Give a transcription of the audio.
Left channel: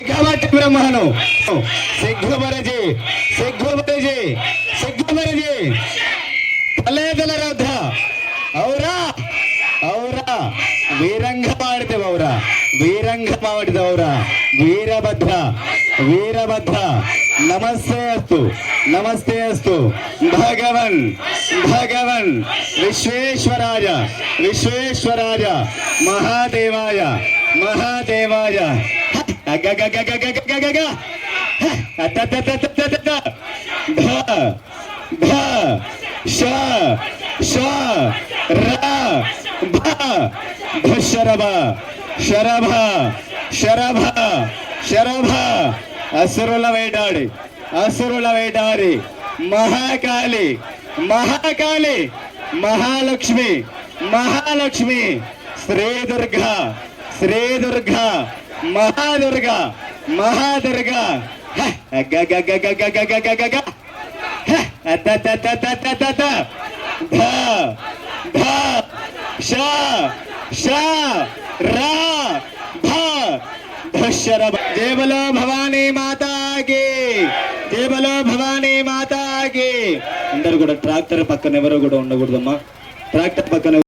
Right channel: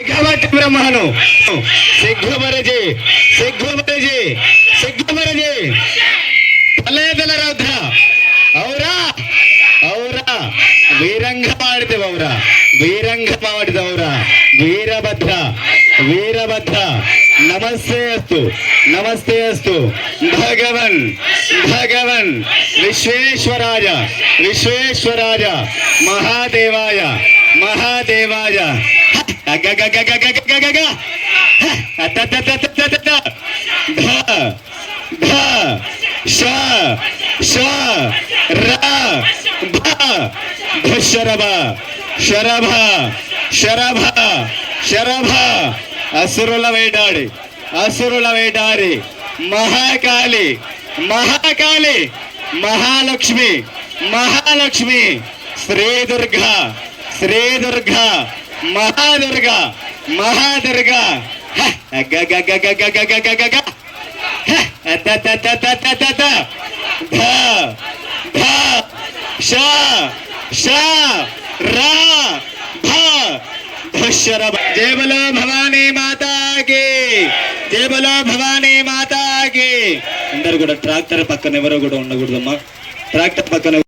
బ్రహ్మను సిగ్గుమరజి సిగ్గుమరజి సిగ్గుమరజి తలేదల రౌద్ర ఔరా ఔರಾ వీరంగ ಮಾಡಿದವೌರ వీరంగ ಮಾಡಿದವೌರ వీరభద్ర వీరభద్ర నమస్తే అస్తు భగవన్ భగవన్ విశ్వేశ్వరాయ విశ్వేశ్వరాయ మహాదేవాయ మహాదేవాయ శరభ శరభ శరభ శరభ అసురుల వేటాడి అసురుల వేటాడి మహాకాళి మహాకాళి మహాలక్ష్మి మహాలక్ష్మి శ్రీ దుర్గా శ్రీ దుర్గా మహాదుర్గా మహాదుర్గా జయ బలో భవానీ మాతాకి జయ బలో భవానీ మాతాకి. అందరు కూడా ట్రాక్టర్ పక్కన ఎవరో కూడా ఉండకూడదమ్మా. ట్రాక్టర్ పక్కన